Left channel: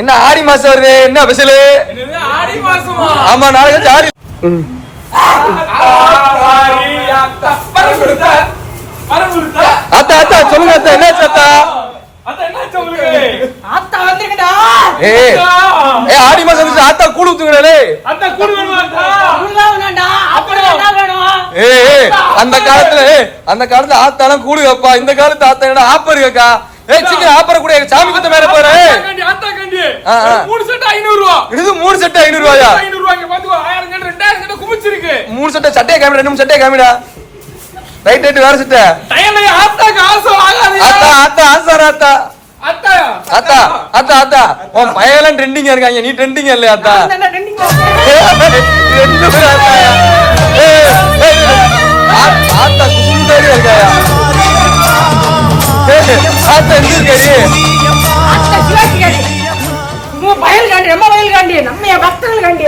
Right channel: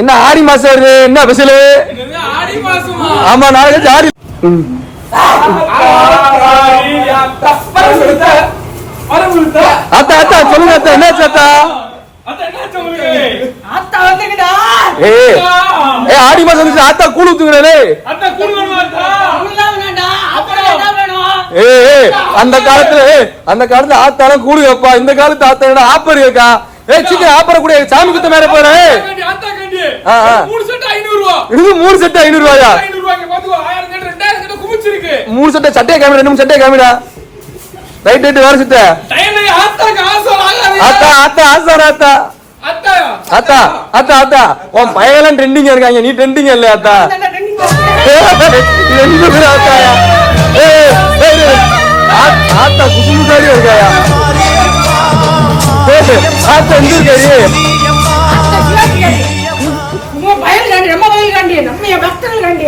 என்ன ஆடி மாசம் என்ன பெசலு? ஆடி மாசமா? ஆமா, நாளைக்கு ஆடி. அந்த காலத்துல ஆத்தாலாம் கூலி வைப்பா, இந்த காலத்து ஆத்தா ஆப்பர் கேட்டா ஆப்பர கூட சாமி குத்து மேல போற 3 செட் 500 ரூபாய். இது 3 செட் 500 ரூபாய். 500 ரூபாய்க்கு பாத்துக்கோ. 1000 கட்ட 2000 கட்ட குமிச்சிருக்கு. 3 செட் சட்டை காமிடா, 2 சட்டை காமிடா. ரைட் ரைட் வேற செட். டைம் ஆத்தா காசு ஆகாதயா. ஆத்தா ஆசர ஆத்தா. அத்தா அத்தா அத்தா அத்தா. நான் பயலன் ட்ரெண்டிங்கா இருக்காங்க. நீ ட்ரெண்டிங்கா இல்ல அத்தா. நான் ட்ரெண்டிங் நம்ம பக்தர்கள் காண்டி